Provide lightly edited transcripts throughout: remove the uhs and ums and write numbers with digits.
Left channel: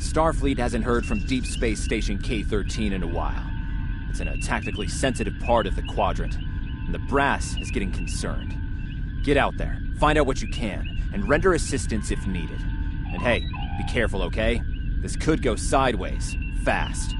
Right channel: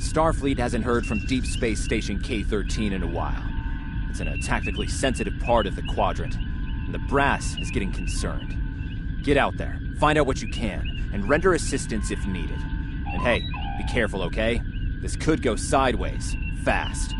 Starfleet hasn't heard from Deep Space Station K-13 in a while. It's in a tactically sensitive part of the quadrant, and the brass is getting concerned. Get out there, find out what you can, and render assistance if needed. And hey, be careful, okay? This could go sideways, fast.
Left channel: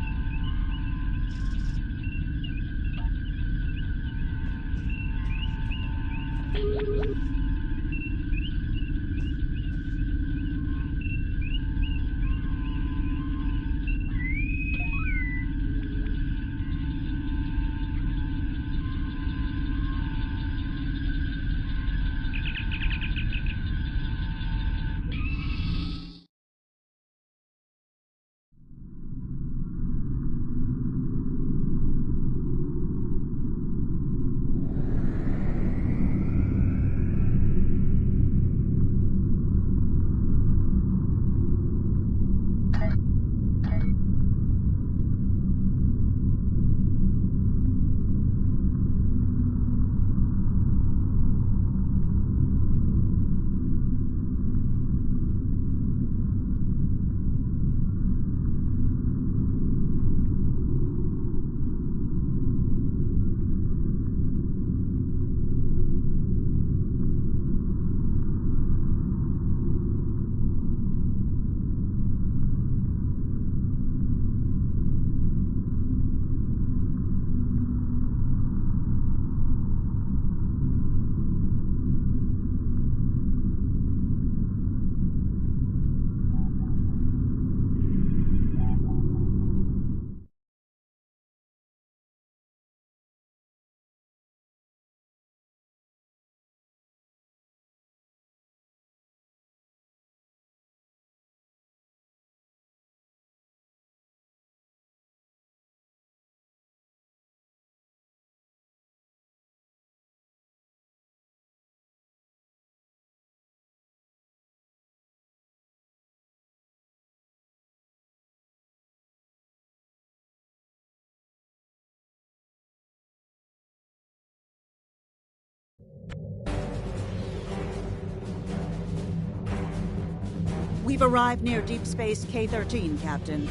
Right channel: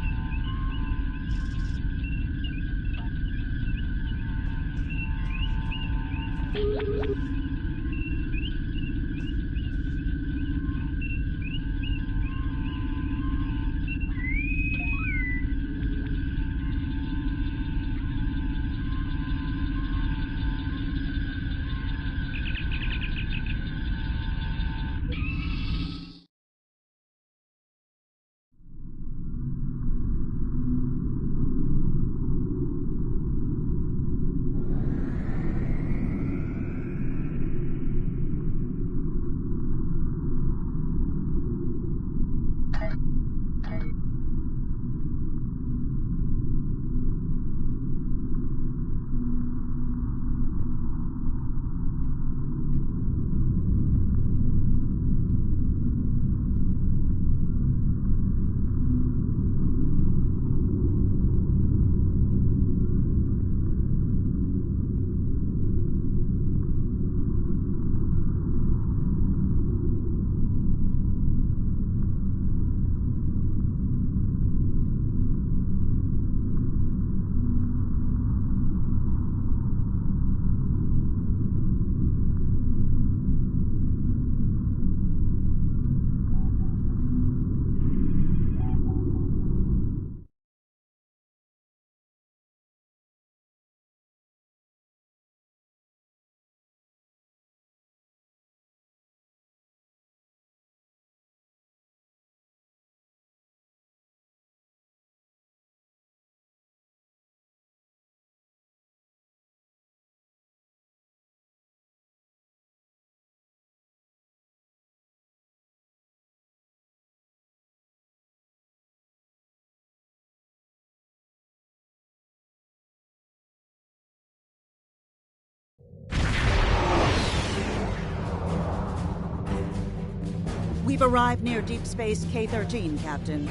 We've arrived near Deep Space K-13, Captain.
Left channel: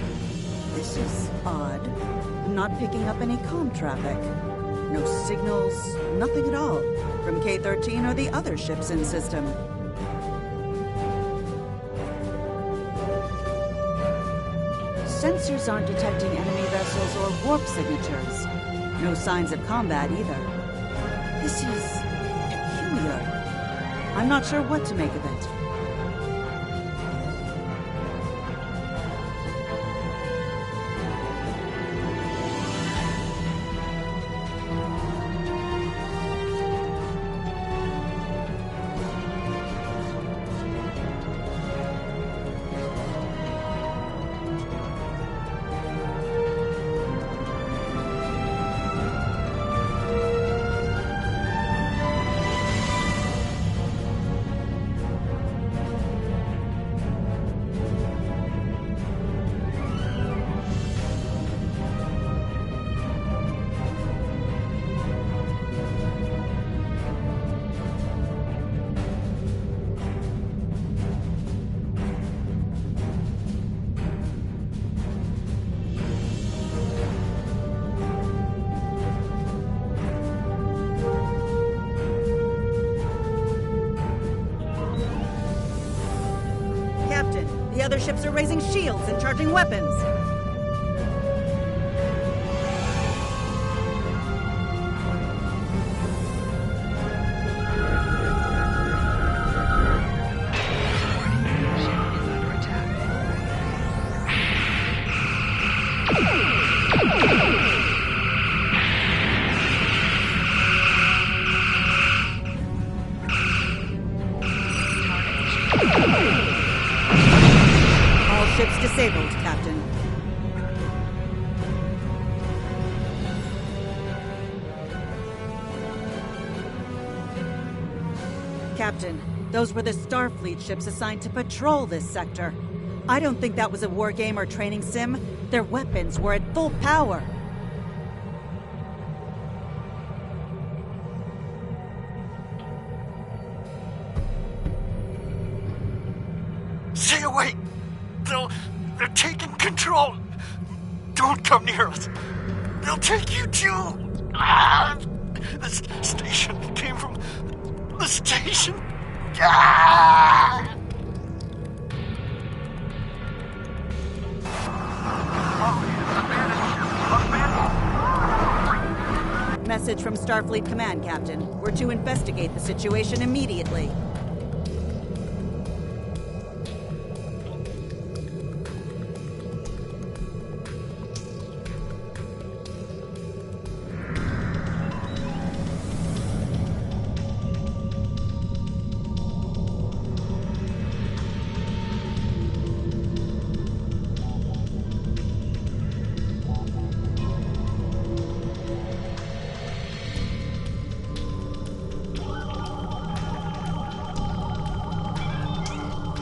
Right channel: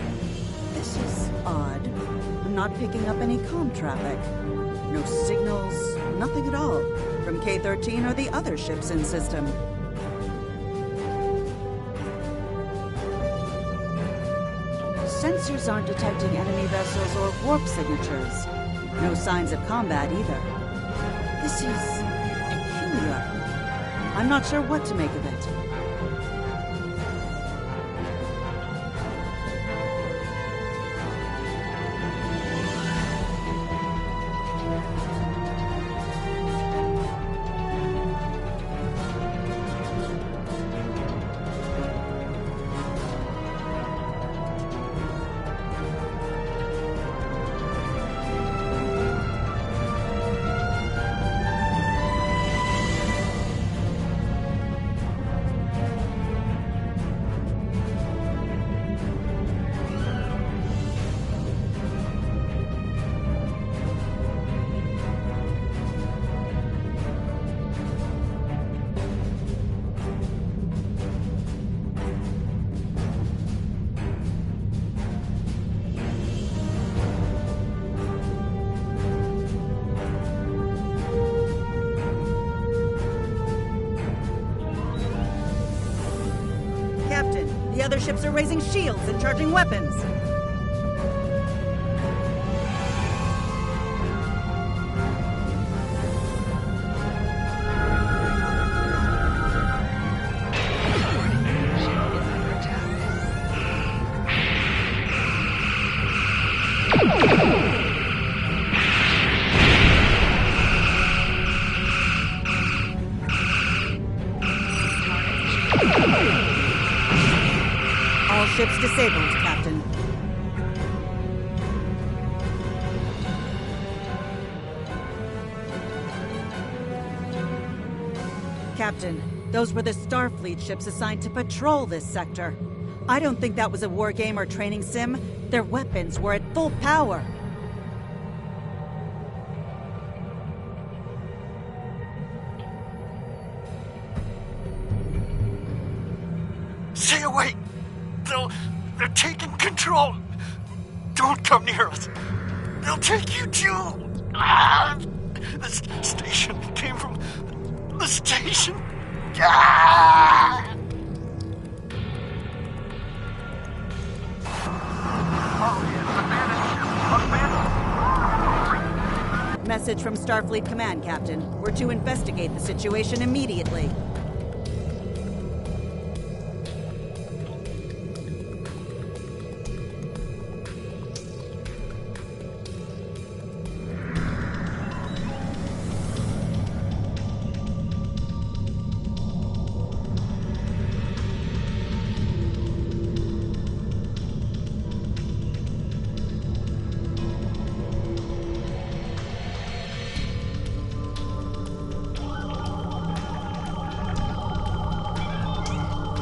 This is odd. I'm not picking up any comm traffic. No signals, nothing at all, from K-13 or the other ships in system. Sensors aren't detecting enemy vessels or warp signatures. No signs of combat either. This is peculiar. I'm not sure what to make of it. Captain, the other ships are raising shields and charging weapons. All ships disabled, Captain. Captain, those were the Starfleet ships assigned to patrol this sector. I don't think that was a war game or training sim. Their weapons were at full power. Stay away! They'll They're taking control. Don't come near us. They'll take you too. This station came from the station. Message from Starfleet Command, Captain. We're to investigate the situation immediately.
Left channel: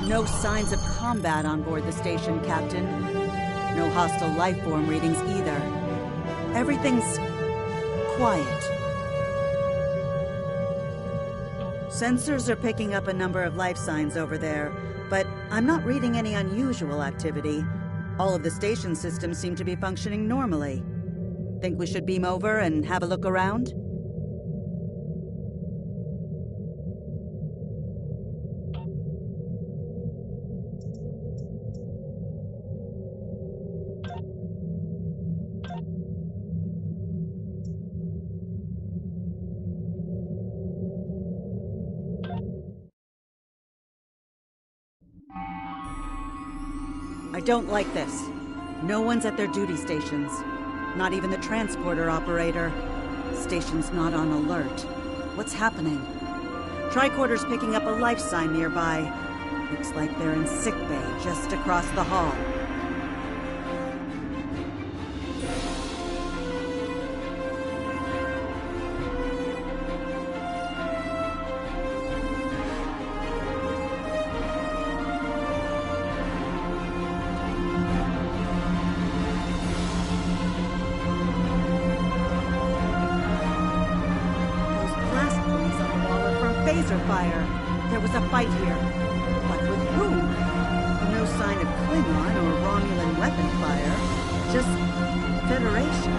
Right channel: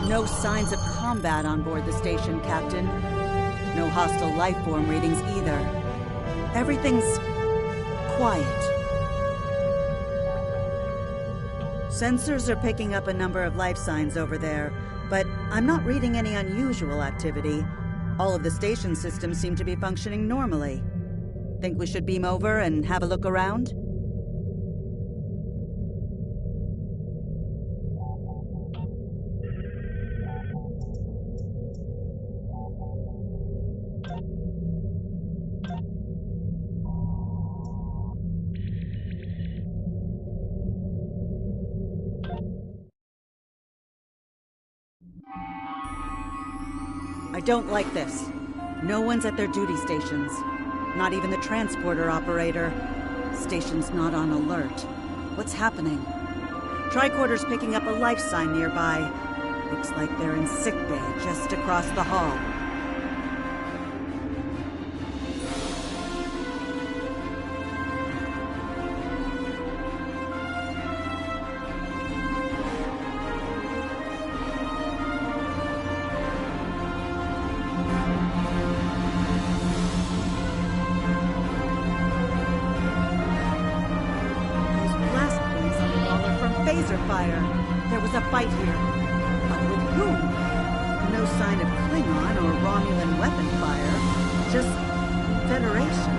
No signs of combat on board the station, Captain. No hostile life form readings either. Everything's quiet. Sensors are picking up a number of life signs over there, but I'm not reading any unusual activity. All of the station systems seem to be functioning normally. Think we should beam over and have a look around? I don't like this. No one's at their duty stations. Not even the transporter operator. Station's not on alert. What's happening? Tricorder's picking up a life sign nearby. Looks like they're in sickbay just across the hall. Phaser fire. There was a fight here. But with whom? No sign of Klingon or Romulan weapon fire. Just Federation.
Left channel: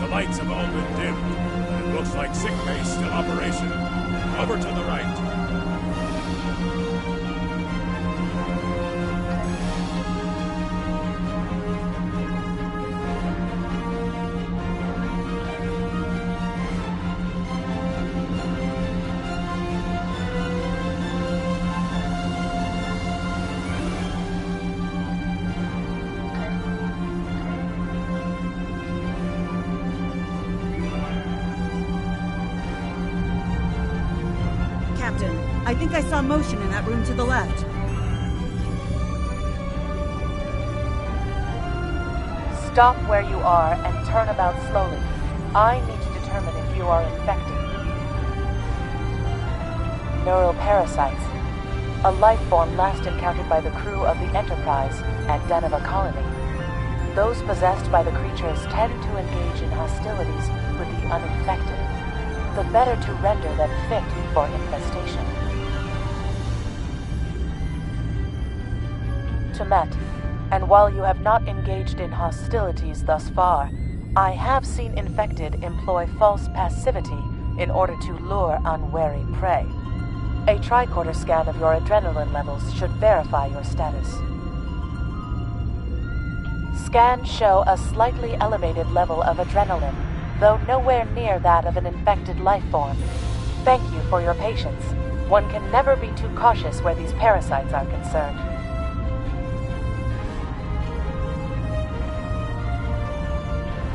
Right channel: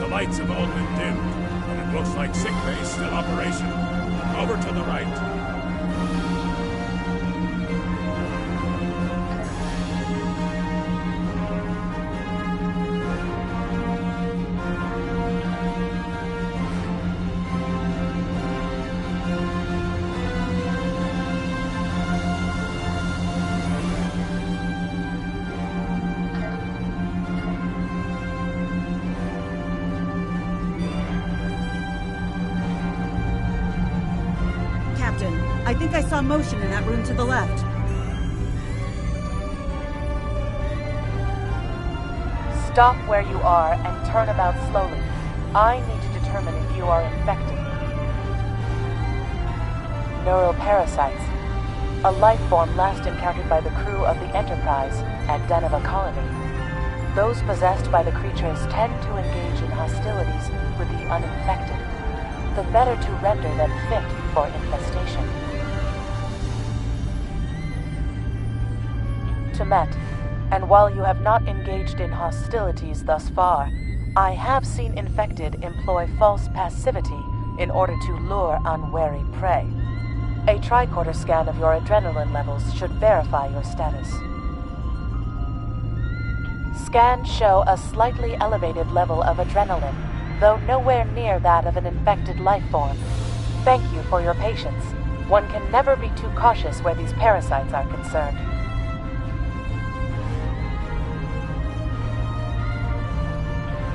The lights have all been dimmed, and it looks like sickbay's still operational. Over to the right. Captain, I think I saw motion in that room to the left. Stop where you are and turn about slowly. I need to determine if you are infected. Neural parasites. A life form last encountered by the crew of the Enterprise at Deneva Colony. Those possessed by the creatures tend to engage in hostilities with the uninfected, the better to render them fit for infestation. Temet, and while you have not engaged in hostilities thus far, I have seen infected employ false passivity in order to lure unwary prey. A tricorder scan of your adrenaline levels should verify your status. Scans show a slightly elevated level of adrenaline, though nowhere near that of an infected life form. Thank you for your patience. One can never be too cautious where these parasites are concerned.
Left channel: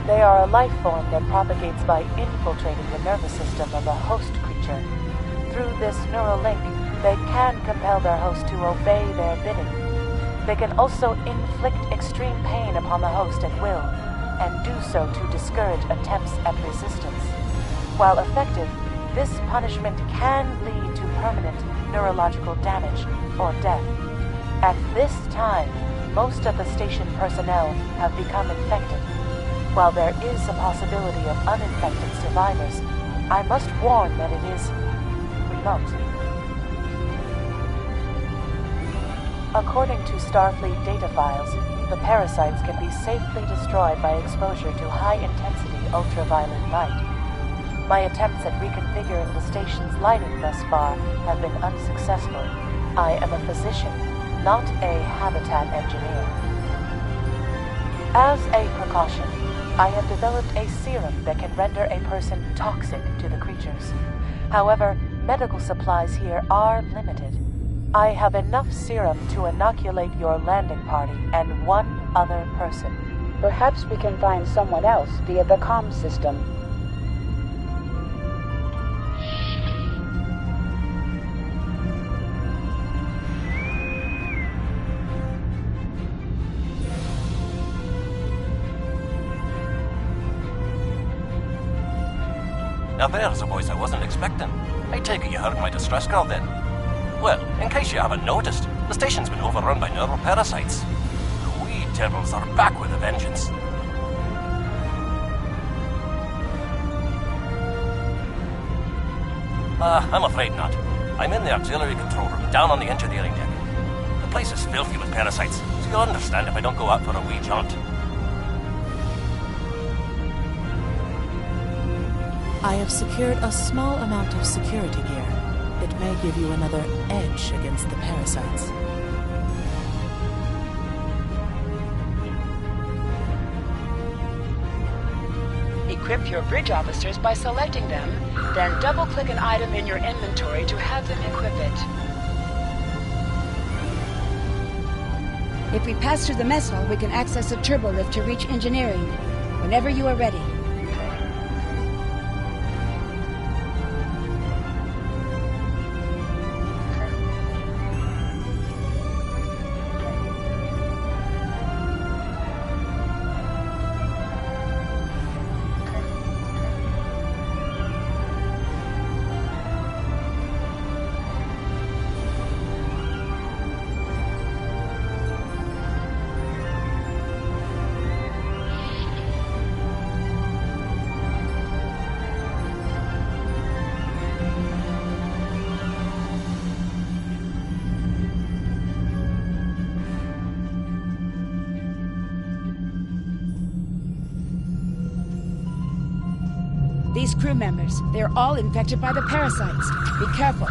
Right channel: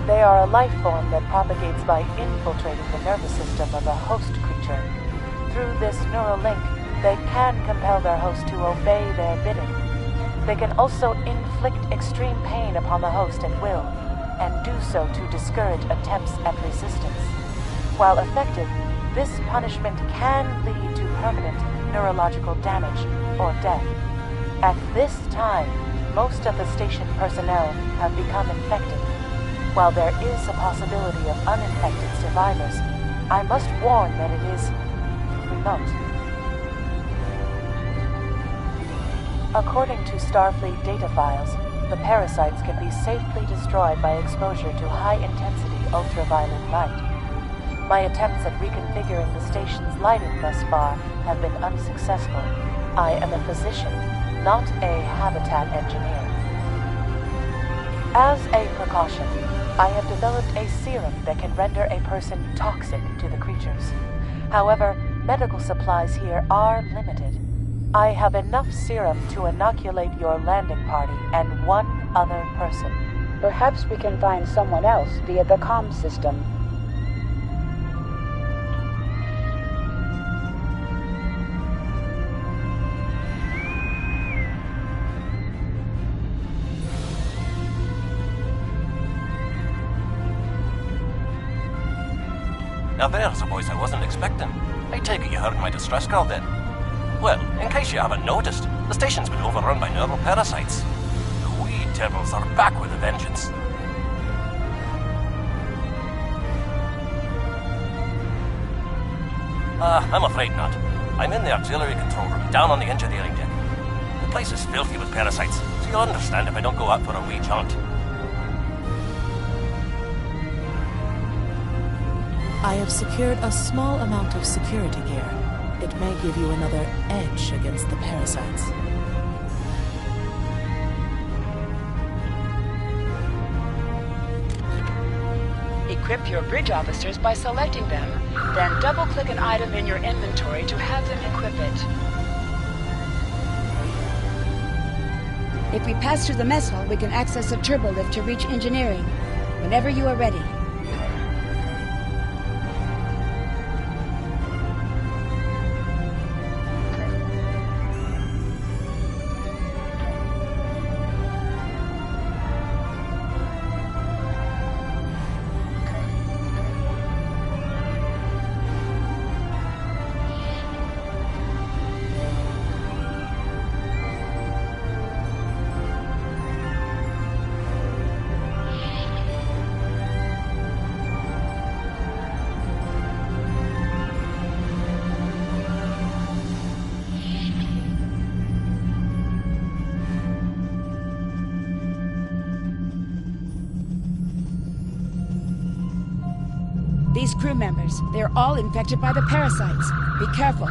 They are a life form that propagates by infiltrating the nervous system of a host creature. Through this neural link, they can compel their host to obey their bidding. They can also inflict extreme pain upon the host at will, and do so to discourage attempts at resistance. While effective, this punishment can lead to permanent neurological damage or death. At this time, most of the station personnel have become infected. While there is a possibility of uninfected survivors, I must warn that it is remote. According to Starfleet data files, the parasites can be safely destroyed by exposure to high-intensity ultraviolet light. My attempts at reconfiguring the station's lighting thus far have been unsuccessful. I am a physician, not a habitat engineer. As a precaution, I have developed a serum that can render a person toxic to the creatures. However, medical supplies here are limited. I have enough serum to inoculate your landing party and one other person. Perhaps we can find someone else via the comm system. Now there's a voice I wasn't expecting. I take it you heard my distress call then. Well, in case you haven't noticed, the station's been overrun by neural parasites. The wee devils are back with a vengeance. I'm afraid not. I'm in the auxiliary control room, down on the engineering deck. The place is filthy with parasites, so you'll understand if I don't go out for a wee jaunt. I have secured a small amount of security gear. It may give you another edge against the parasites. Equip your bridge officers by selecting them, then double-click an item in your inventory to have them equip it. If we pass through the mess hall, we can access a turbo lift to reach engineering. Whenever you are ready. These crew members, they're all infected by the parasites. Be careful.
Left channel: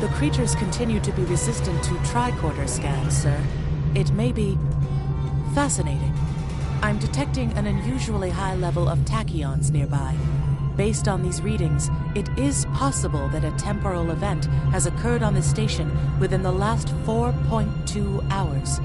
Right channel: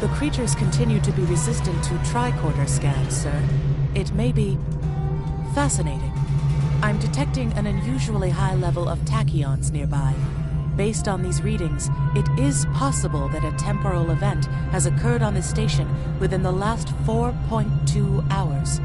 The creatures continue to be resistant to tricorder scans, sir. It may be fascinating. I'm detecting an unusually high level of tachyons nearby. Based on these readings, it is possible that a temporal event has occurred on the station within the last 4.2 hours.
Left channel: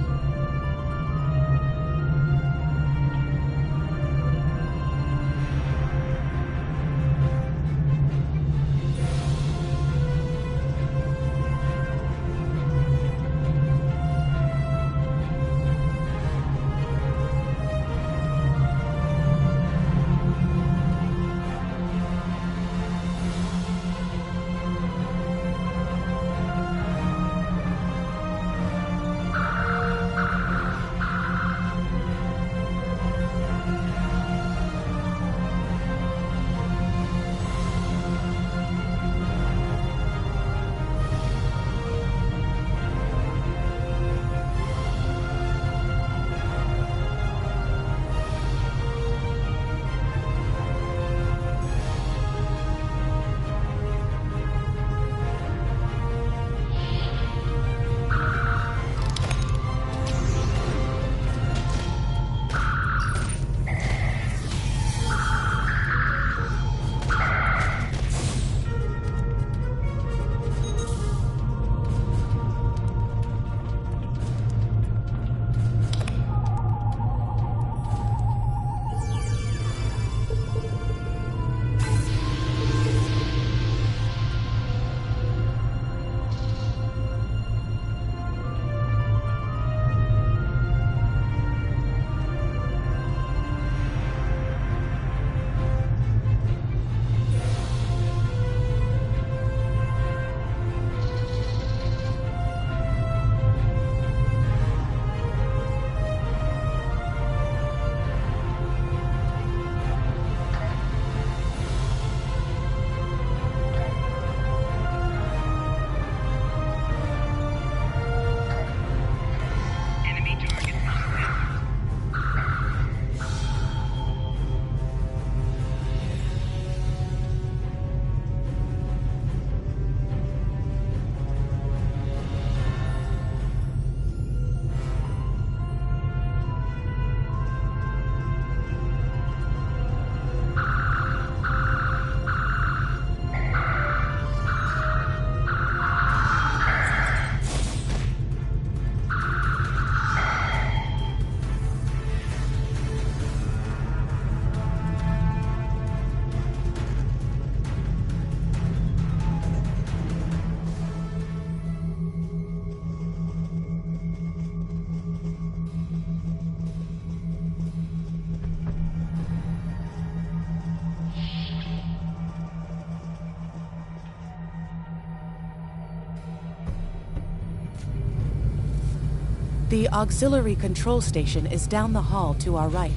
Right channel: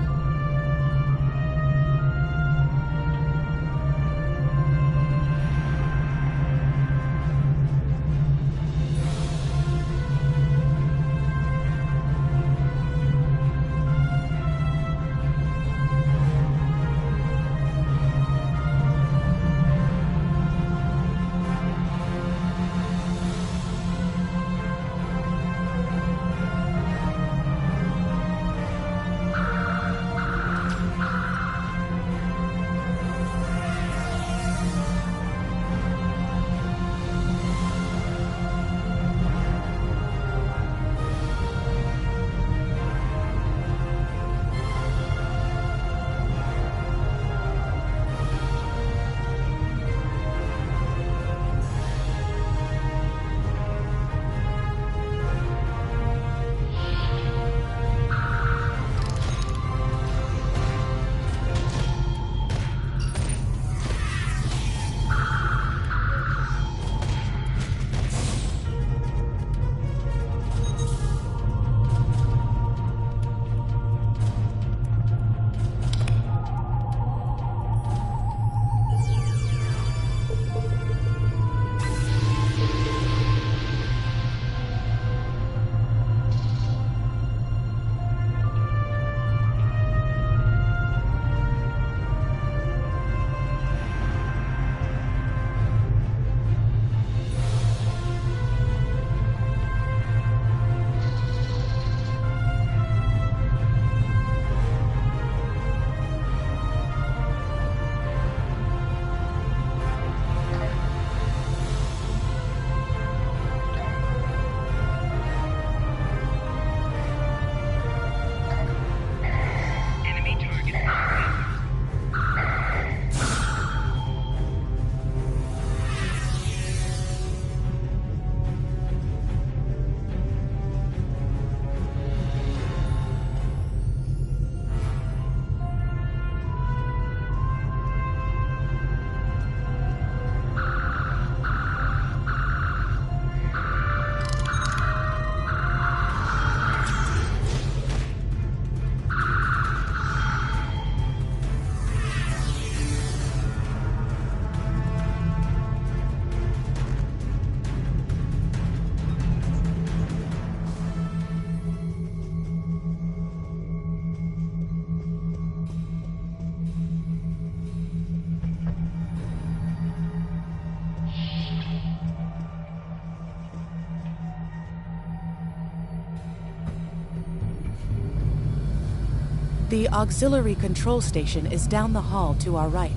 The auxiliary control station is down the hall to our right.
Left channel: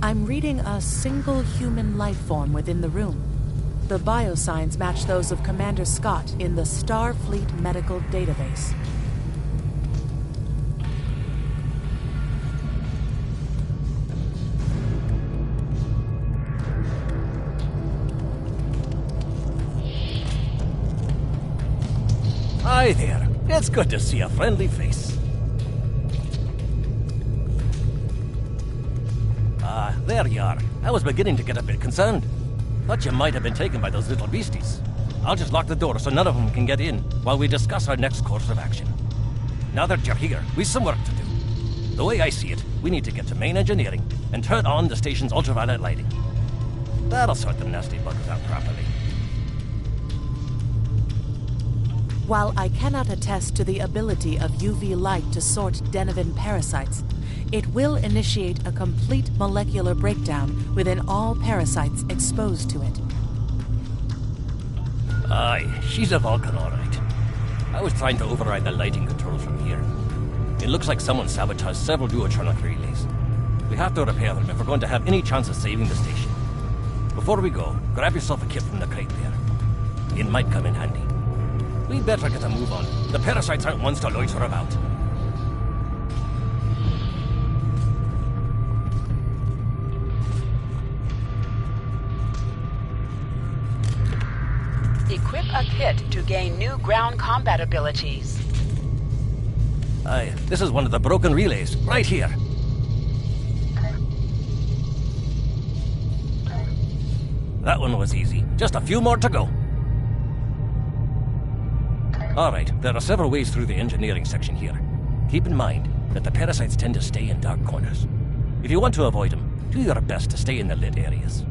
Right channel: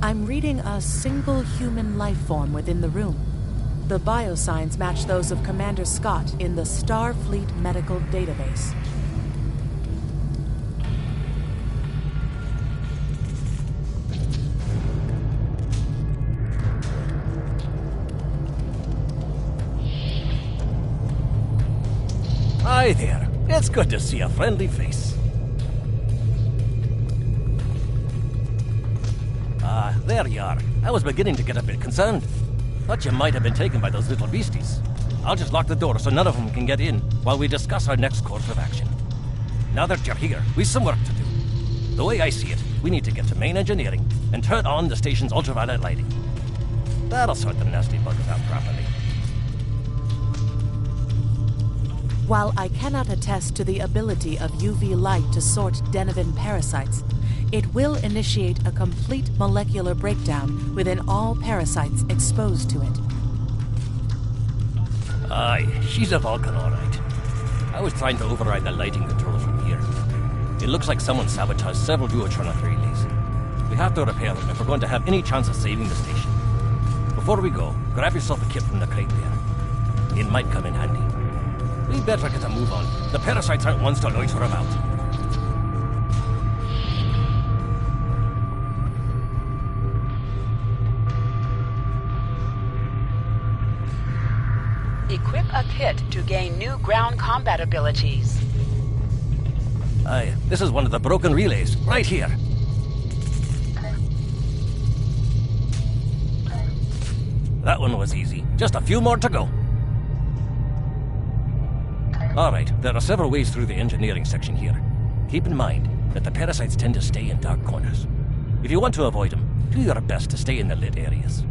I'm reading a single human life form within the room. The biosigns match those of Commander Scott in the Starfleet Medical Database. Hi there. It's good to see a friendly face. There you are. I was beginning to get a bit concerned. Thought you might have been taken by those little beasties. I'll just lock the door so none of them can get in while we discuss our next course of action. Now that you're here, we've some work to do. The way I see it, we need to get to main engineering and turn on the station's ultraviolet lighting. That'll sort the nasty buggers out properly. While I cannot attest to the ability of UV light to sort Denivan parasites, it will initiate a complete molecular breakdown within all parasites exposed to it. Aye, she's a Vulcan, all right. I was trying to override the lighting controls from here. It looks like someone sabotaged several duotronic relays. We have to repair them if we're going to have any chance of saving the station. Before we go, grab yourself a kit from the crate there. It might come in handy. We'd better get a move on. The parasites aren't ones to loiter about. Equip a kit to gain new ground combat abilities. Aye, this is one of the broken relays, right here. That one was easy. Just a few more to go. Alright, there are several ways through the engineering section here. Keep in mind that the parasites tend to stay in dark corners. If you want to avoid them, do your best to stay in the lit areas.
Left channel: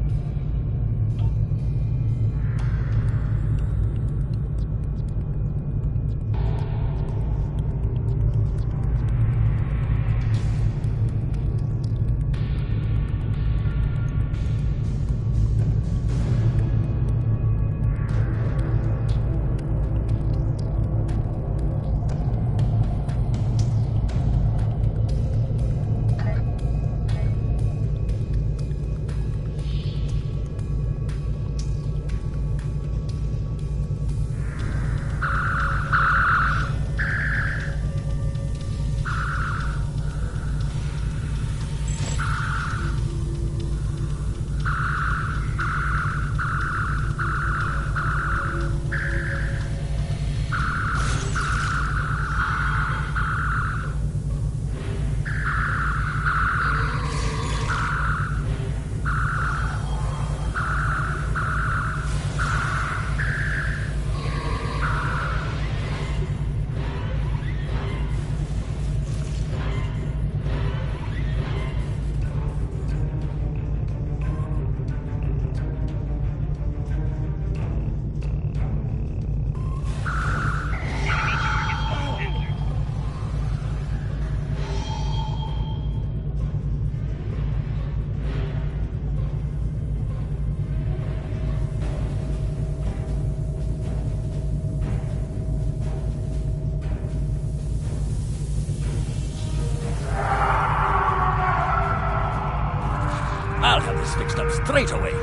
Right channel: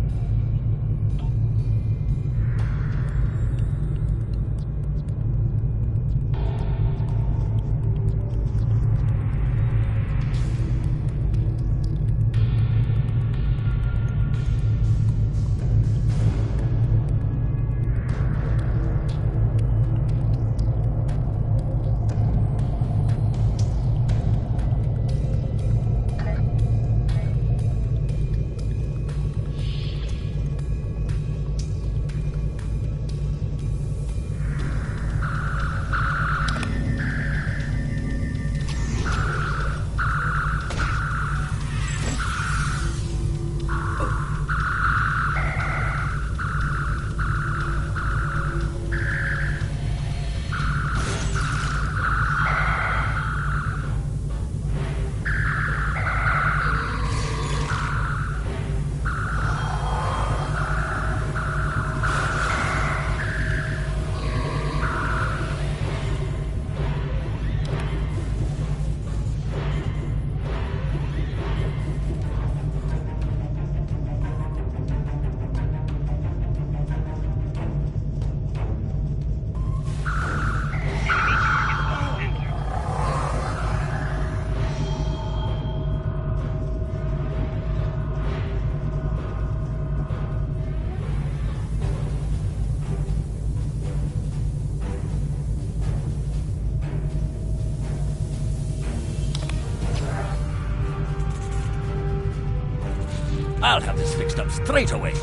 I'll have this fixed up straight away.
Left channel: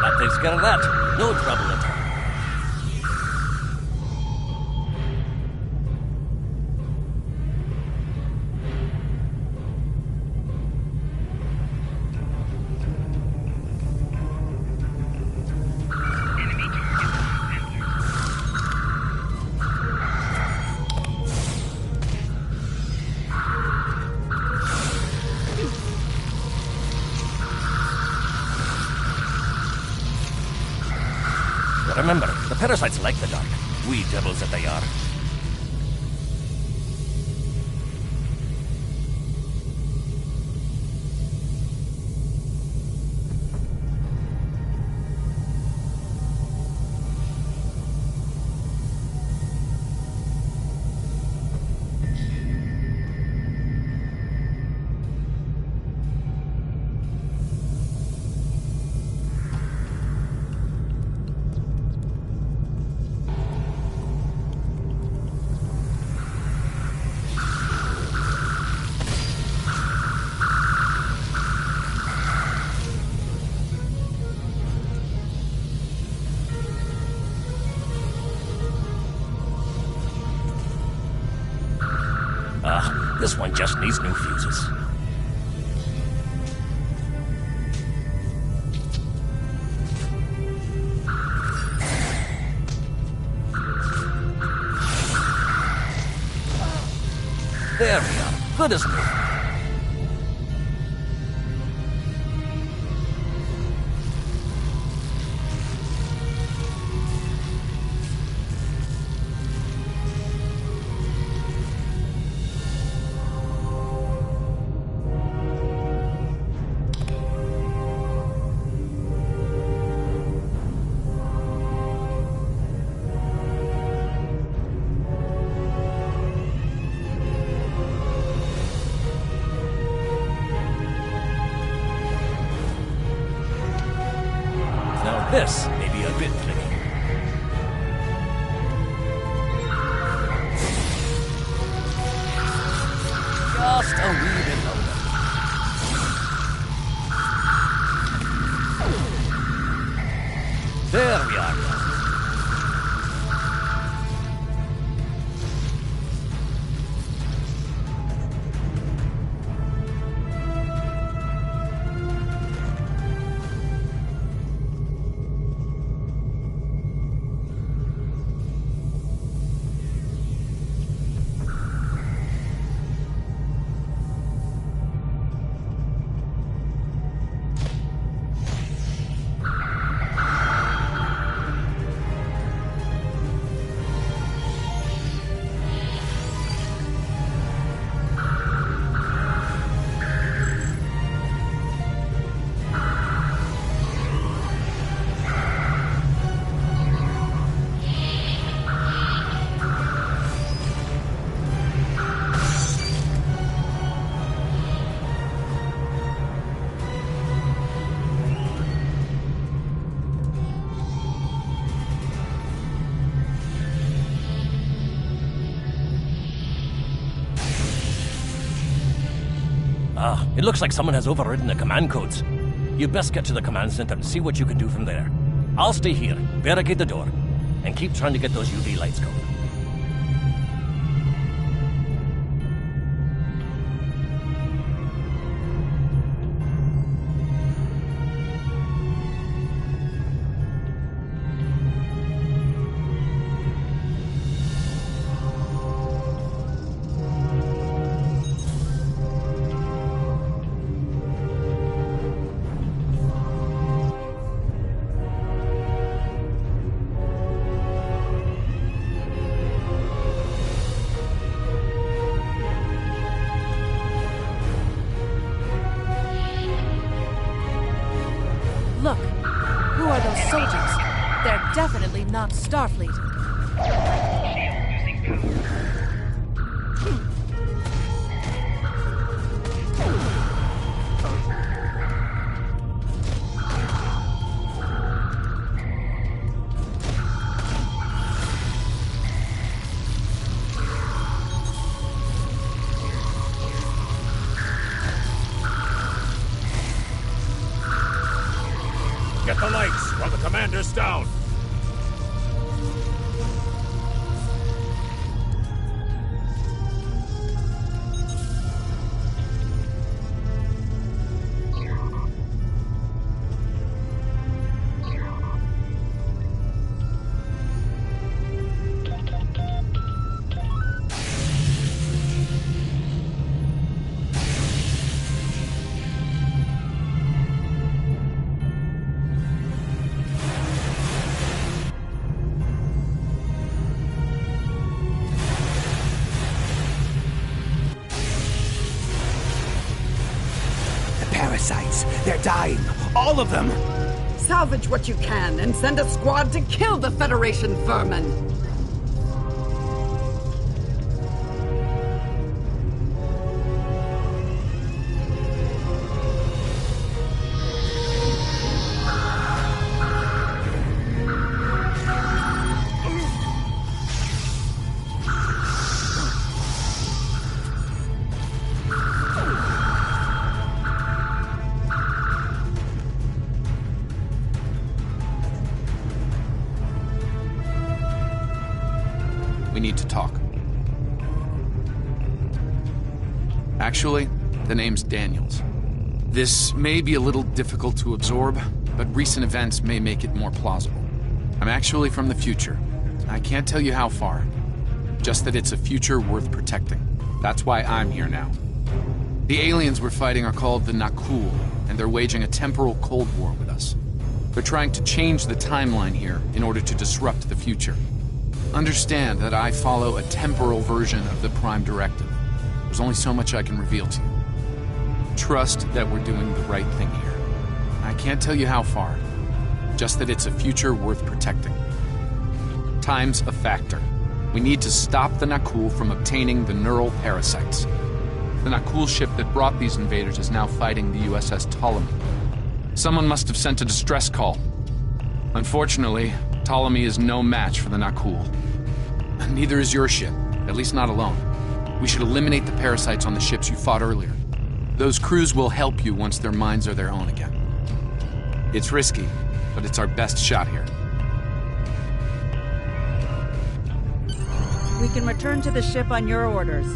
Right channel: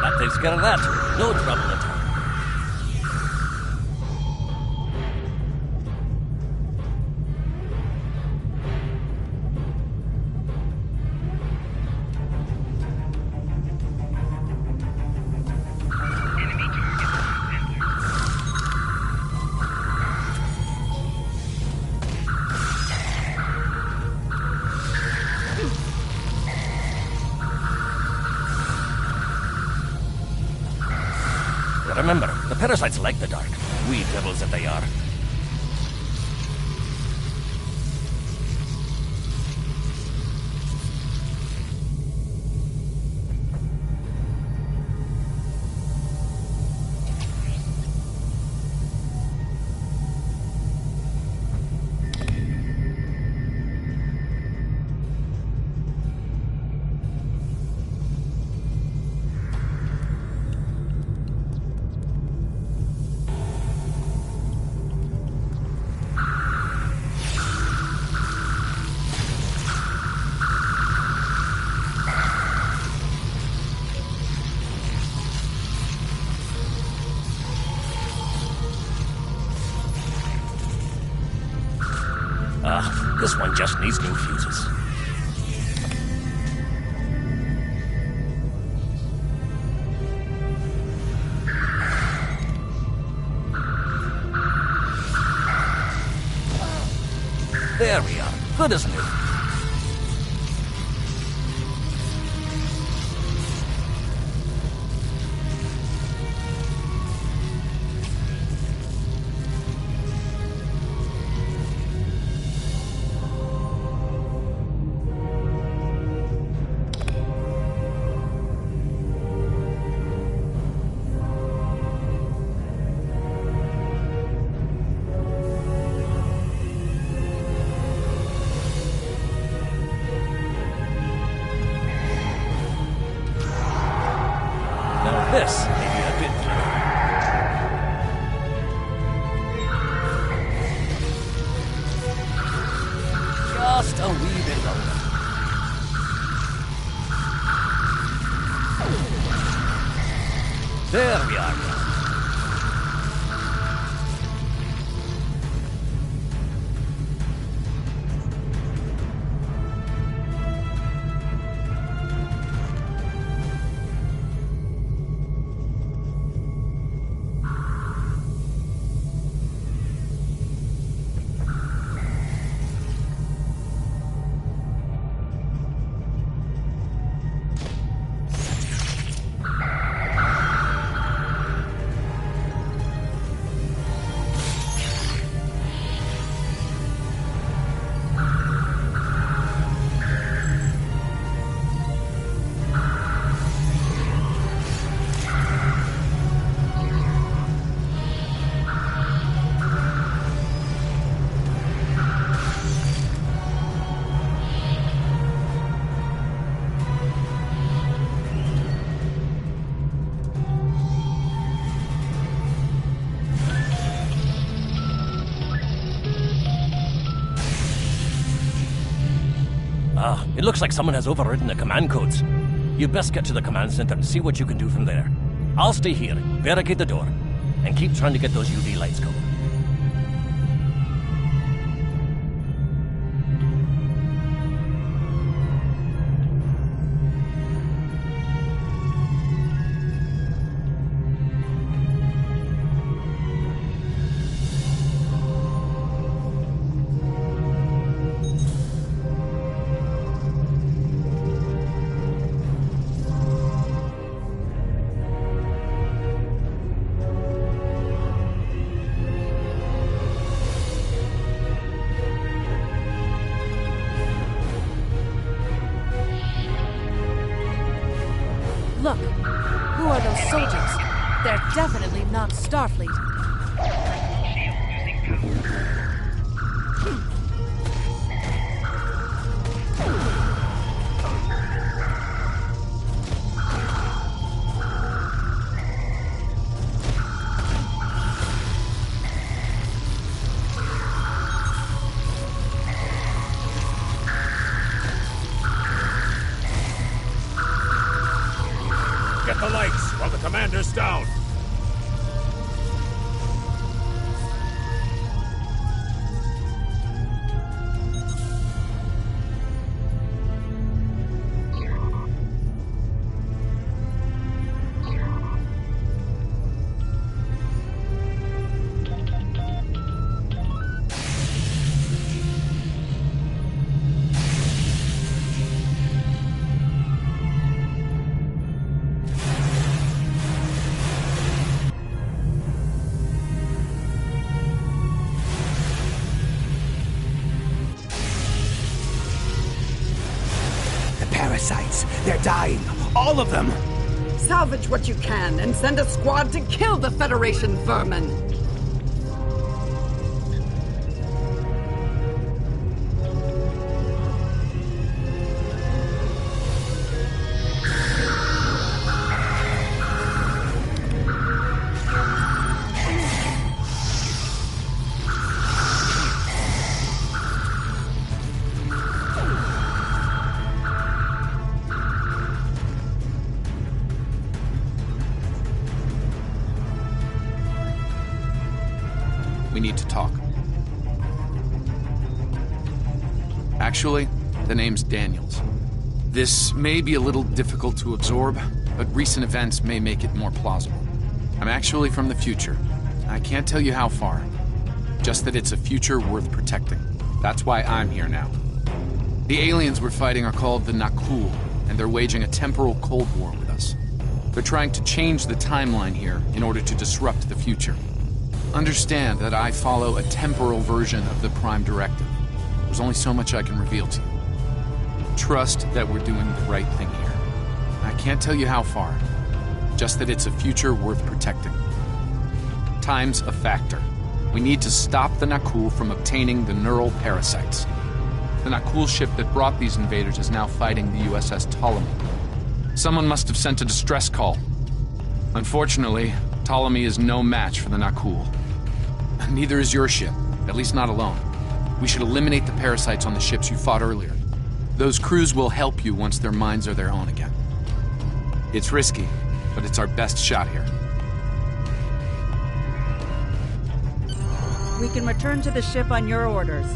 That takes care of that. No trouble at all. Remember, the parasites like the dark. Wee devils that they are. This one just needs new fuses. There we are. Good as new. Now this may be a bit tricky. Just a wee bit longer. There we are. It looks like someone has overridden the command codes. You best get to the command center and see what you can do from there. I'll stay here, barricade the door, and keep trying to get those UV lights going. Look, who are those soldiers? They're definitely not Starfleet. Get the lights while the commander's down. Parasites. They're dying. All of them. Salvage what you can and send a squad to kill the Federation vermin. We need to talk. Actually, the name's Daniels. This may be a little difficult to absorb, but recent events may make it more plausible. I'm actually from the future. I can't tell you how far. Just that it's a future worth protecting. That's why I'm here now. The aliens we're fighting are called the Nakul, and they're waging a temporal Cold War with us. They're trying to change the timeline here in order to disrupt the future. Understand that I follow a temporal version of the Prime Directive. There's only so much I can reveal to you. Trust that we're doing the right thing here. I can't tell you how far. Just that it's a future worth protecting. Time's a factor. We need to stop the Nakul from obtaining the neural parasites. The Nakul ship that brought these invaders is now fighting the U.S.S. Ptolemy. Someone must have sent a distress call. Unfortunately, Ptolemy is no match for the Nakul. Neither is your ship, at least not alone. We should eliminate the parasites on the ships you fought earlier. Those crews will help you once their minds are their own again. It's risky, but it's our best shot here. We can return to the ship on your orders.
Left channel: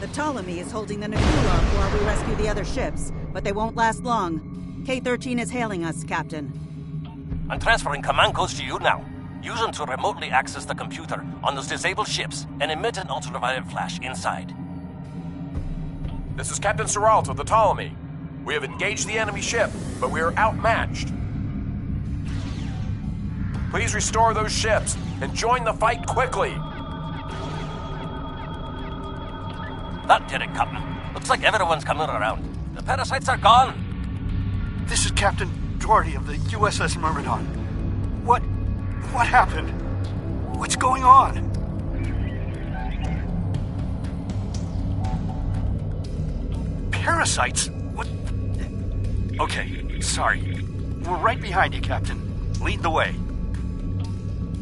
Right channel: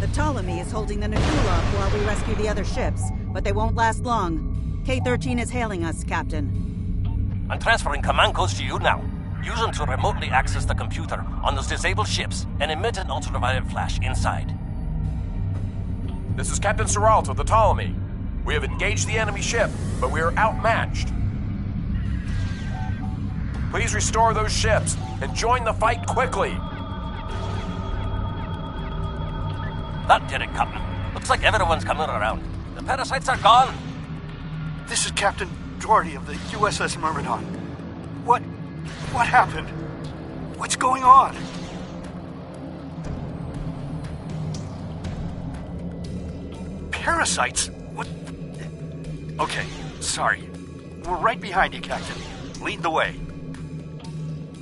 The Ptolemy is holding the Nakul off while we rescue the other ships, but they won't last long. K-13 is hailing us, Captain. I'm transferring command codes to you now. Use them to remotely access the computer on those disabled ships and emit an ultraviolet flash inside. This is Captain Serralto of the Ptolemy. We have engaged the enemy ship, but we are outmatched. Please restore those ships and join the fight quickly. That did it, Captain. Looks like everyone's coming around. The parasites are gone. This is Captain Doherty of the U.S.S. Myrmidon. What happened? What's going on? Parasites? What? Okay, sorry. We're right behind you, Captain. Lead the way.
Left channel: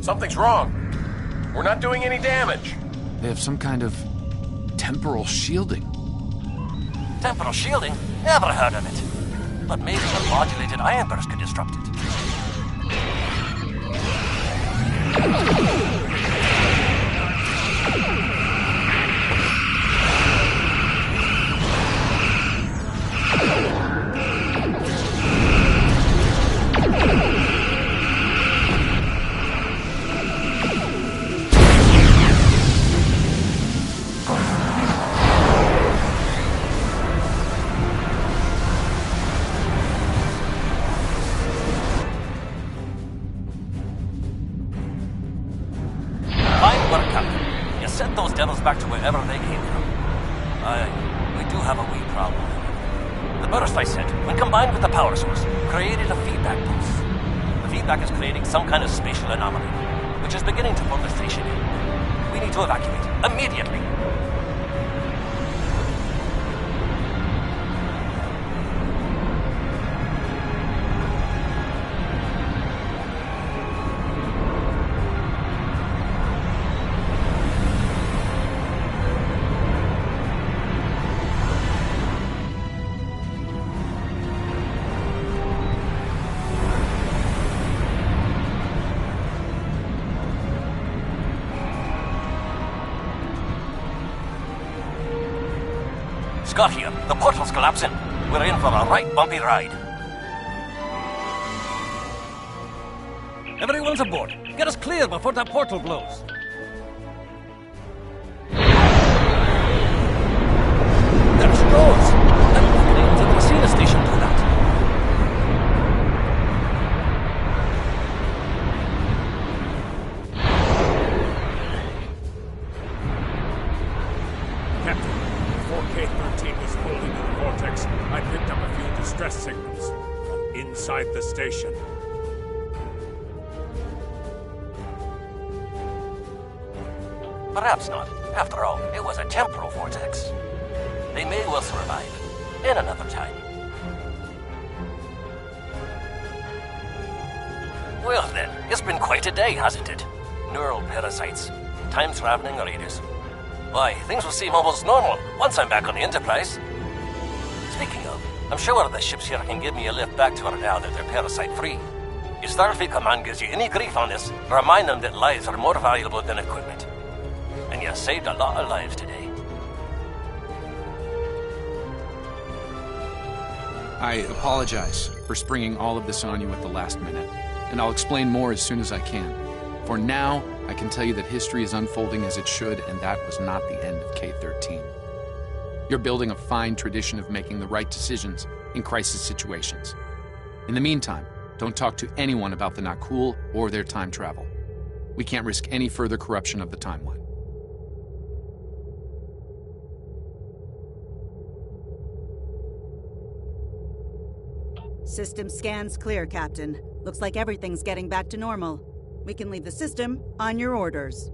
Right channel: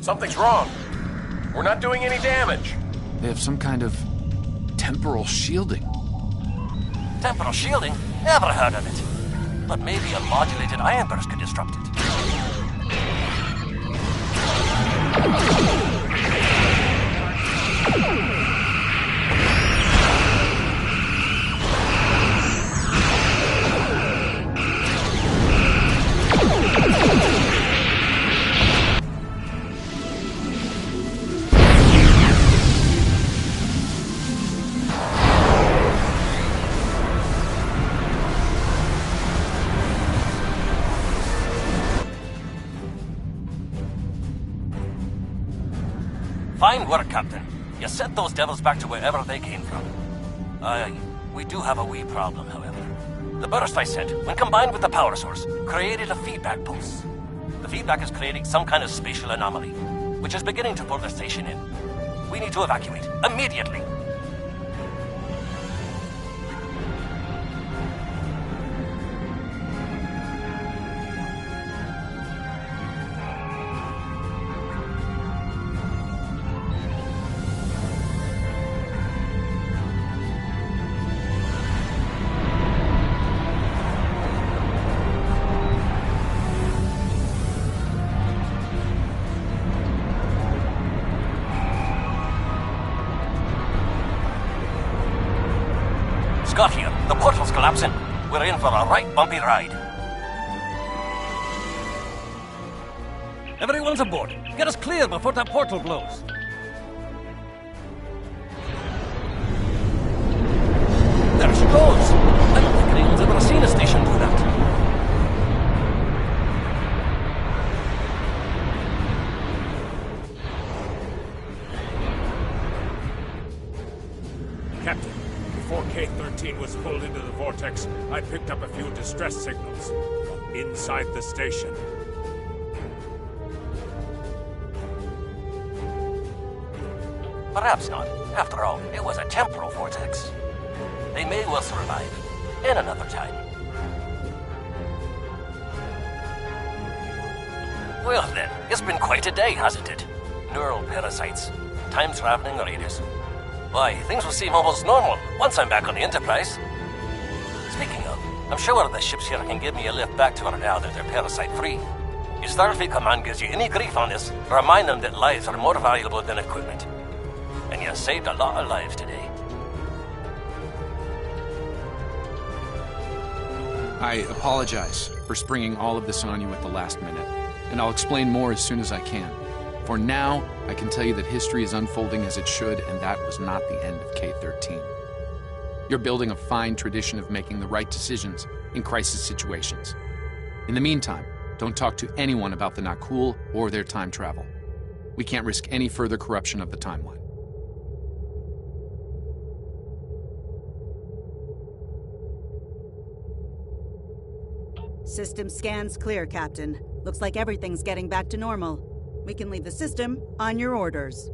Something's wrong. We're not doing any damage. They have some kind of temporal shielding. Temporal shielding? Never heard of it. But maybe a modulated ion burst could disrupt it. Fine work, Captain. You sent those devils back to wherever they came from. We do have a wee problem, however. The burst I sent, when combined with the power source, created a feedback pulse. The feedback is creating some kind of spatial anomaly, which is beginning to pull the station in. We need to evacuate, immediately. Scott here. The portal's collapsing. We're in for a right bumpy ride. Everyone's aboard. Get us clear before that portal blows. There she goes. I don't think anyone's ever seen a station do that. K-13 was pulled into the vortex, I picked up a few distress signals from inside the station. Perhaps not. After all, it was a temporal vortex. They may well survive. In another time. Well then, it's been quite a day, hasn't it? Neural parasites, time-traveling raiders. Why, things will seem almost normal once I'm back on the Enterprise. Speaking of, I'm sure the ships here can give me a lift back to her now that they're parasite-free. If Starfleet Command gives you any grief on this, remind them that lives are more valuable than equipment. And you saved a lot of lives today. I apologize for springing all of this on you at the last minute, and I'll explain more as soon as I can. For now, I can tell you that history is unfolding as it should, and that was not the end of K-13. You're building a fine tradition of making the right decisions in crisis situations. In the meantime, don't talk to anyone about the Nakul or their time travel. We can't risk any further corruption of the timeline. System scans clear, Captain. Looks like everything's getting back to normal. We can leave the system on your orders.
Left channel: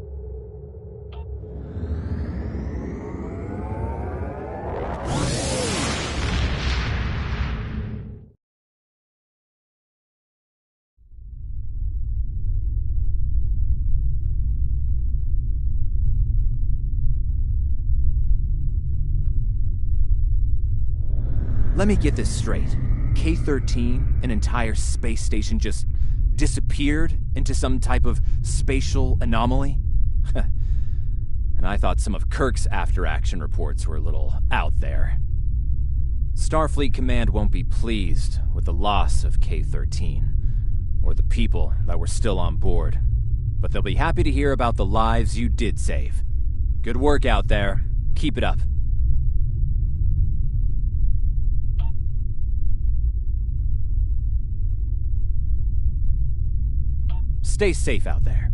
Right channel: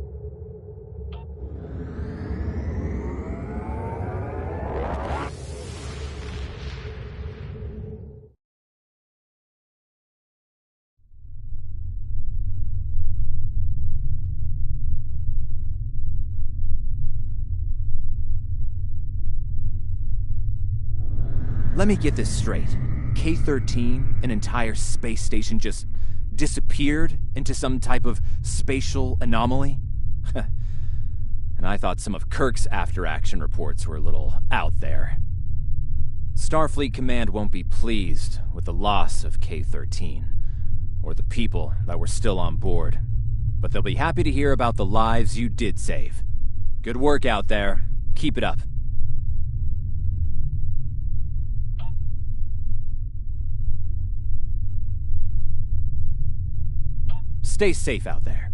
Let me get this straight. K-13, an entire space station, just disappeared into some type of spatial anomaly? And I thought some of Kirk's after-action reports were a little out there. Starfleet Command won't be pleased with the loss of K-13, or the people that were still on board. But they'll be happy to hear about the lives you did save. Good work out there. Keep it up. Stay safe out there.